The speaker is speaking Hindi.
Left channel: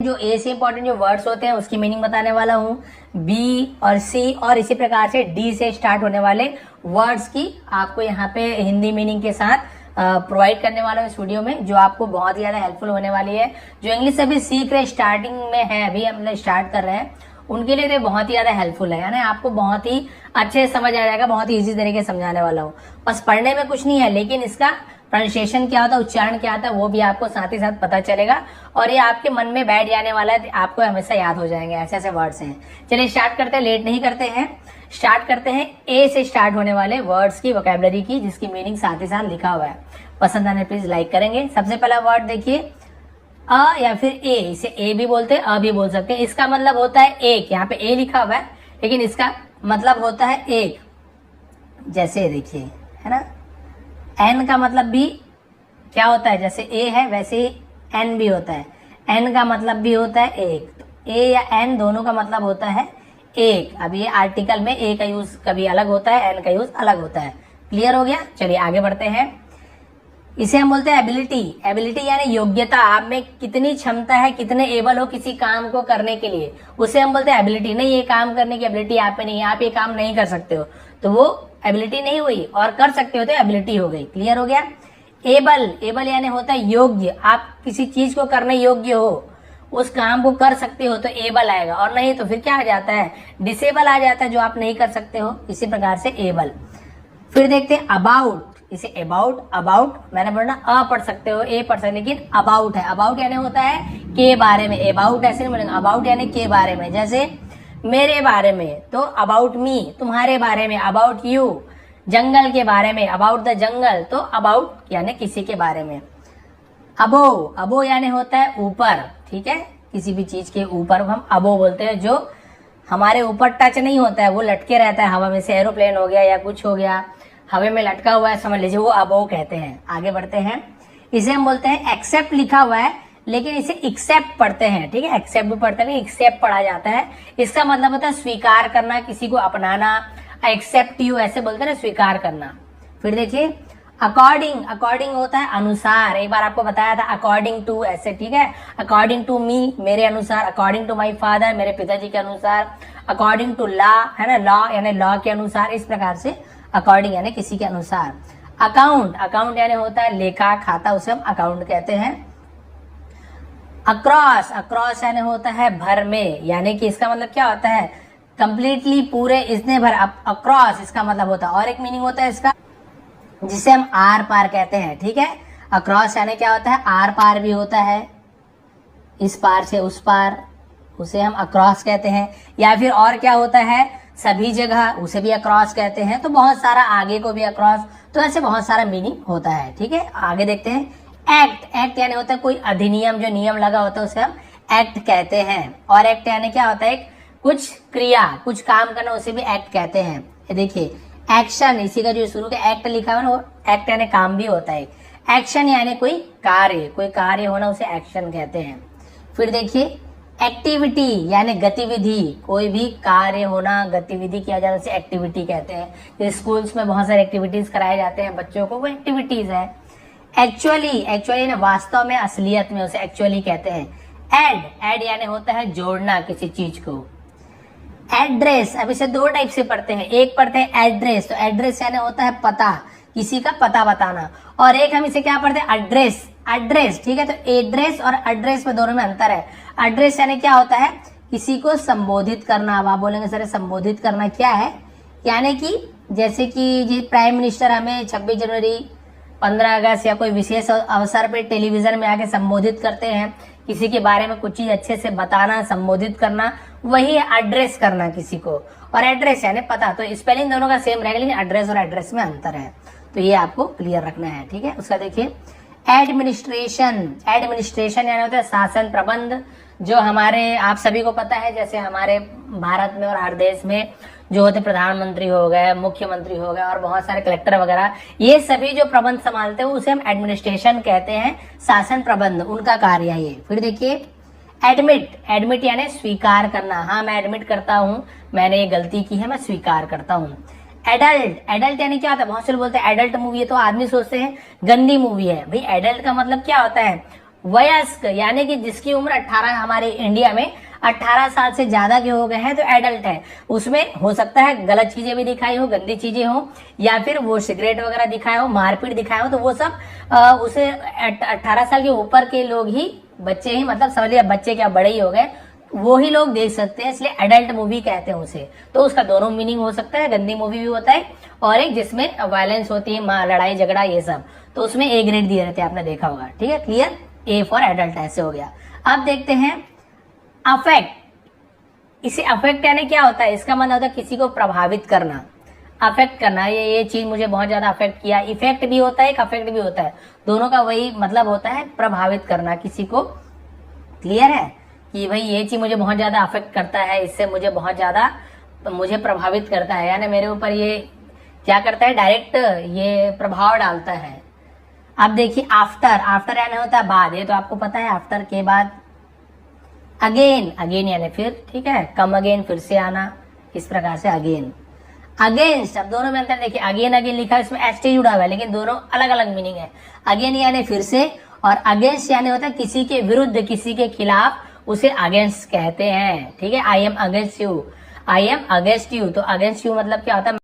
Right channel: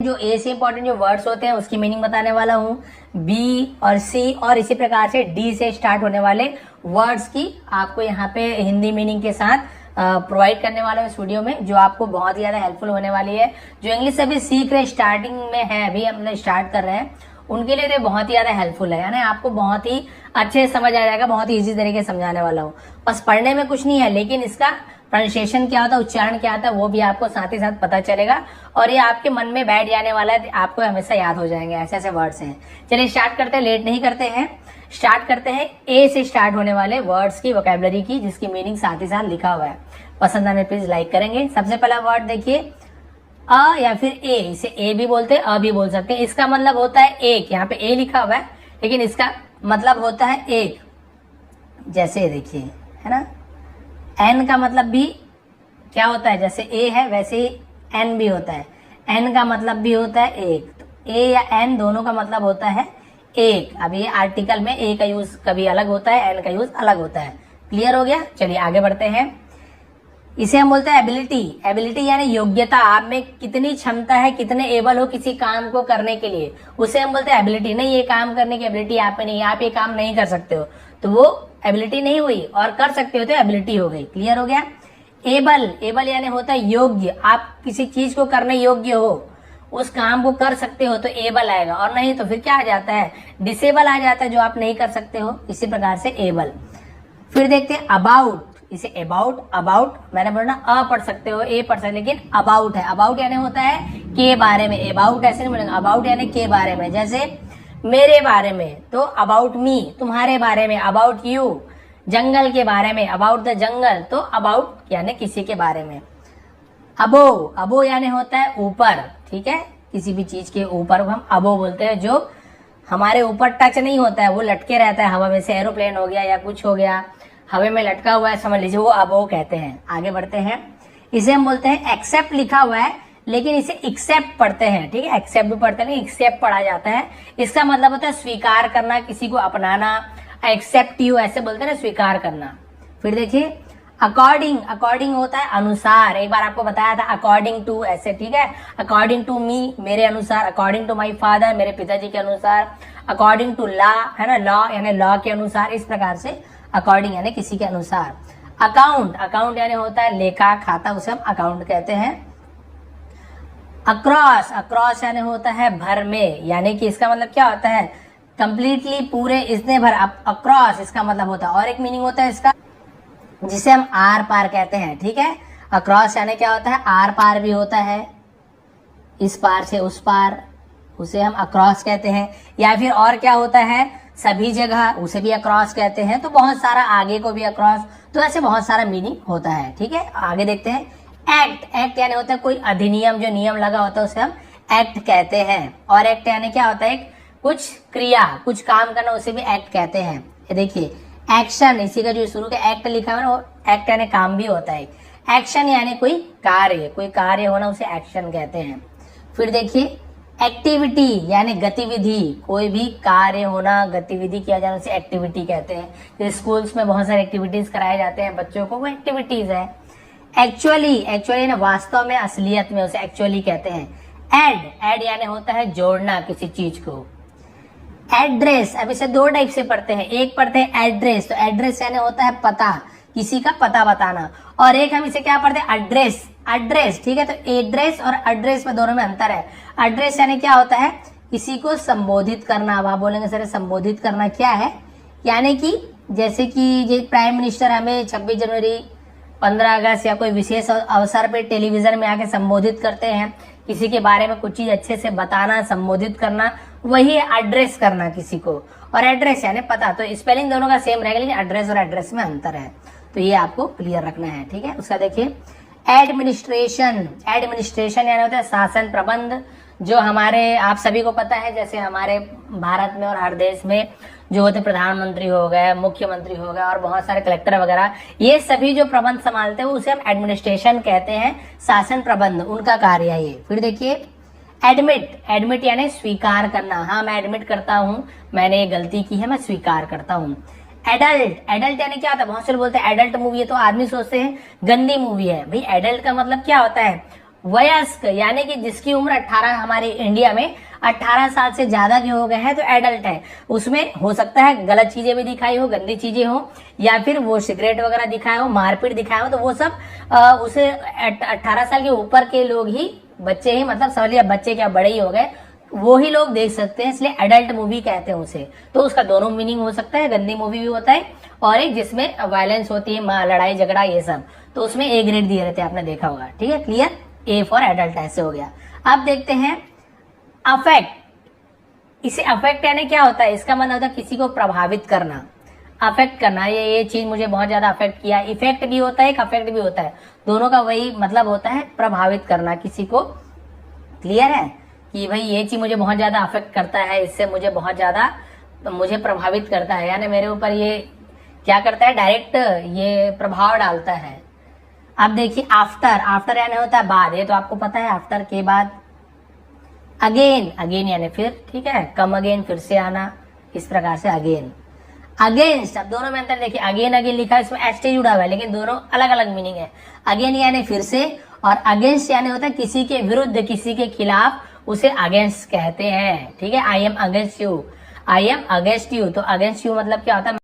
जो ए से इंपॉर्टेंट जो वर्ड्स होते हैं उसकी मीनिंग बताने वाला हूँ। बी और सी और इसी प्रकार से डी से स्टार्ट होने वाले वर्ड्स की आपको यहाँ पे हिंदी मीनिंग के साथ प्रोवाइड करने वाला हूँ इस वीडियो में, जो आपको बहुत ही ज्यादा हेल्पफुल होने वाली है। जो इंग्लिश अभी सीख रहे, स्टार्टिंग में है, अभी हम स्टार्ट कर रहे हैं, उनके लिए तो बहुत ही ज्यादा हेल्पफुल है। यानी आपको बहुत ही अच्छे से समझ आ जाएगा, बहुत ही इजी तरीके से समझाने वाला हूँ। बस पढ़ने में कुछ नहीं है, लेकिन इसका प्रोनाउंसिएशन क्या होता है, उच्चारण क्या होता है, वो भी आपको साथ ही साथ पता चलेगा और ये आपके मन में बैठ जाने वाला है, आपको हमेशा याद हो जाएंगे। ऐसे ऐसे वर्ड्स हैं। चलिए स्टार्ट करते हैं, लेट नहीं करते हैं, स्टार्ट करते हैं ए से स्टार्ट होने वाले वर्ड्स की, वोकैबुलरी की, जिसकी मीनिंग साथ ही साथ लिखा हुआ है। पसंद आने प्लीज लाइक करेंगे। सबसे पहला वर्ड देखिए, अ या फिर ए। इसे ए भी बोलते हैं, अ भी बोल सकते हैं। इसका मतलब होता है एक। यहाँ पे ए लिखा हुआ है, लेकिन इसका मतलब होता है एक। जैसे देखिए, है ना, एन का मतलब भी क्या होता है, जैसे ए है वैसे ही एन भी होता है। एन का मतलब भी होता है एक। तो ए या एन दोनों का मतलब होता है एक। अब ये आर्टिकल में ए का यूज कभी अलग होता है, एन का यूज अलग होता है। क्लियर हो गया। चलिए आगे बढ़ते हैं। इसे हम बोलते हैं एबिलिटी। एबिलिटी यानी योग्यता, आप में कितनी क्षमता है, कितने एबल हो किसी काम को करने के लिए, उसे हम बोलते हैं एबिलिटी। नहीं, ये काम करने की एबिलिटी आप में नहीं है, आप ये काम नहीं कर सकते हो, तो वो एबिलिटी नहीं हुई, और कर सकते हो तो एबिलिटी हो गई। क्लियर हो गया। एबल, एबल यानी होता है योग्य, आप किसी चीज को करने योग्य हो, उस काम को कर सकते हो तो एबल आएगा, और नहीं तो फिर क्या आ जाता है, डिसेबल आ जाता है, जो आप नहीं कर सकते हो। इसी प्रकार से एबल। फिर देखते हैं अबाउट। इसे अबाउट, अबाउट मैंने बोला अ पढ़ सकते हो, ए पढ़ सकते, लेकिन अबाउट है। अबाउट यानी होता है के बारे में। अबाउट ऐसे नहीं बोलेंगे, अबाउट यानी के बारे में। जैसे मेरे बारे में तो अबाउट मी, तुम्हारे बारे में अबाउट यू, जंगल के बारे में अबाउट द जंगल, तो अबाउट यानी किसी के बारे में। अबो, अबो यानी होता है ऊपर, ठीक है, किसी भी चीज के ऊपर हम अबो बोलते हैं। जो हमारे ऊपर टच नहीं होता है, वो लटके रहता है हवा में, से एरोप्लेन हो गया या कुछ हो गया, हवा में लटका हुआ है, समझ लीजिए, वो अबो कहते हैं। आगे बढ़ते हैं। इसे हम बोलते हैं एक्सेप्ट। लिखा हुआ है लेकिन इसे एक्सेप्ट पढ़ते हैं, ठीक है, एक्सेप्ट भी पढ़ते हैं, एक्सेप्ट पढ़ा जाता है। इसका मतलब होता है स्वीकार करना, किसी को अपनाना। एक्सेप्ट यू ऐसे बोलते हैं ना, स्वीकार करना। फिर देखिए अकॉर्डिंग। अकॉर्डिंग होता है अनुसार, एक बार आपको बताया था, अकॉर्डिंग टू ऐसे, ठीक है। अकॉर्डिंग टू मी, मेरे अनुसार। अकॉर्डिंग टू माई फादर, मेरे पिताजी के अनुसार। अकॉर्डिंग टू लॉ, है ना, लॉ यानी लॉ के अनुसार। इस प्रकार से अकॉर्डिंग यानी किसी के अनुसार। अकाउंट, अकाउंट यानी होता है लेखा, खाता, उसे हम अकाउंट कहते हैं। अक्रॉस, अक्रॉस यानी होता है भर में, यानी कि इसका मतलब क्या होता है, कंप्लीटली, पूरे, इसने भर। अक्रॉस इसका मतलब होता है। और एक मीनिंग होता है इसका, जिसे हम आर पार कहते हैं, ठीक है। अक्रॉस यानी क्या होता है, आर पार भी होता है, इस पार से उस पार, उसे हम अक्रॉस कहते हैं। या फिर और क्या होता है, सभी जगह, उसे भी अक्रॉस कहते हैं। तो बहुत सारा, आगे को भी अक्रॉस, तो ऐसे बहुत सारा मीनिंग होता है, ठीक है। आगे देखते हैं। एक्ट, एक्ट यानी होता है कोई अधिनियम, जो नियम लगा होता है उसे हम एक्ट कहते हैं। और एक्ट यानी क्या होता है, कुछ क्रिया, कुछ काम करना, उसे भी एक्ट कहते हैं। ये देखिए एक्शन, इसी का जो शुरू का एक्ट लिखा है ना, वो एक्ट यानी काम भी होता है। एक्शन यानी कोई कार्य, कोई कार्य होना, उसे एक्शन कहते हैं। फिर देखिए एक्टिविटी यानी गतिविधि, कोई भी कार्य होना, गतिविधि किया जाना, उसे एक्टिविटी कहते हैं। जो स्कूल्स में बहुत सारे एक्टिविटीज कराए जाते हैं बच्चों को, वो एक्टिविटीज है। एक्चुअली, एक्चुअली ना वास्तव में, असलियत में, उसे एक्चुअली कहते हैं। एड, एड यानी होता है जोड़ना किसी चीज को। एड्रेस, अब इसे दो टाइप से पढ़ते हैं। एक पढ़ते हैं एड्रेस, तो एड्रेस यानी होता है पता, किसी का पता बताना। और एक हम इसे क्या पढ़ते हैं, एड्रेस, एड्रेस, ठीक है। तो एड्रेस और एड्रेस में दोनों में अंतर है। एड्रेस यानी क्या होता है, किसी को संबोधित करना। अब आप बोलेंगे सर संबोधित करना क्या है, यानी कि जैसे कि प्राइम मिनिस्टर हमें 26 जनवरी, 15 अगस्त या कोई विशेष अवसर पे टेलीविजन में आके संबोधित करते हैं, किसी के बारे में कुछ चीज अच्छे से बताना, संबोधित करना, वही है एड्रेस करना किसी को। और एड्रेस यानी पता। तो स्पेलिंग दोनों का सेम रहेगा, लेकिन एड्रेस और एड्रेस में अंतर है, तो ये आपको क्लियर रखना है, ठीक है। उसका देखिए एडमिनिस्ट्रेशन। एडमिनिस्ट्रेशन यानी होता है शासन, प्रबंध। जो हमारे, आप सभी को पता है, जैसे हमारे भारत में और हर देश में जो होते, प्रधानमंत्री हो गए, मुख्यमंत्री हो गए, और बहुत सारे कलेक्टर वगैरह, ये सभी जो प्रबंध संभालते हैं उसे हम एडमिनिस्ट्रेशन कहते हैं, शासन प्रबंध, उनका कार्य है ये। फिर देखिए एडमिट, एडमिट यानी स्वीकार करना। हाँ, मैं एडमिट करता हूँ, मैंने ये गलती की है, मैं स्वीकार करता हूँ। एडल्ट, एडल्ट यानी क्या होता है, बहुत से लोग बोलते हैं एडल्ट मूवी है, तो आदमी सोचते हैं गंदी मूवी है। भाई एडल्ट का मतलब क्या होता है, वयस्क यानी कि जिसकी उम्र 18 हमारे इंडिया में 18 साल से ज्यादा के हो गए हैं तो एडल्ट है। उसमें हो सकता है गलत चीजें भी दिखाई हो, गंदी चीजें हो, या फिर वो सिगरेट वगैरह दिखाया हो, मारपीट दिखाया हो, तो वो सब उसे 18 साल के ऊपर के लोग ही, बच्चे ही, मतलब समझ लिया बच्चे क्या बड़े ही हो गए, वो ही लोग देख सकते हैं, इसलिए एडल्ट मूवी कहते हैं उसे। तो उसका दोनों मीनिंग हो सकता है, गंदी मूवी भी होता है और एक जिसमें वायलेंस होती है, लड़ाई झगड़ा ये सब, तो उसमें ए ग्रेड दिए रहते हैं, आपने देखा होगा। ठीक है, क्लियर, ए फॉर एडल्ट ऐसे हो गया। अब देखते हैं अफेक्ट। इसे अफेक्ट यानी क्या होता है, इसका मतलब होता है किसी को प्रभावित करना, अफेक्ट करना, ये चीज मुझे बहुत ज्यादा अफेक्ट किया। इफेक्ट भी होता है, एक अफेक्ट भी होता है, दोनों का वही मतलब होता है, प्रभावित करना किसी को। क्लियर है कि भाई ये चीज मुझे बहुत ज्यादा अफेक्ट करता है, इससे मुझे बहुत ज्यादा मुझे प्रभावित करता है, यानी मेरे ऊपर ये क्या करता है, डायरेक्ट ये प्रभाव डालता है। अब देखिए आफ्टर, आफ्टर यानी होता है बाद, ये तो आपको पता है, आफ्टर के बाद। अगेन, अगेन यानी फिर, ठीक है, कम अगेन, फिर से आना, इस प्रकार से अगेन। अगेंस्ट, अब दोनों में अंतर देखिए, अगेन अगेन लिखा है, इसमें एस टी जुड़ा हुआ है, लेकिन दोनों अलग अलग मीनिंग है। अगेन यानी फिर से, और अगेंस्ट यानी होता है किसी के विरुद्ध, किसी के खिलाफ, उसे अगेंस्ट कहते हैं। ठीक है, I am against you, I am against you, तो अगेंस्ट यू मतलब क्या होता है,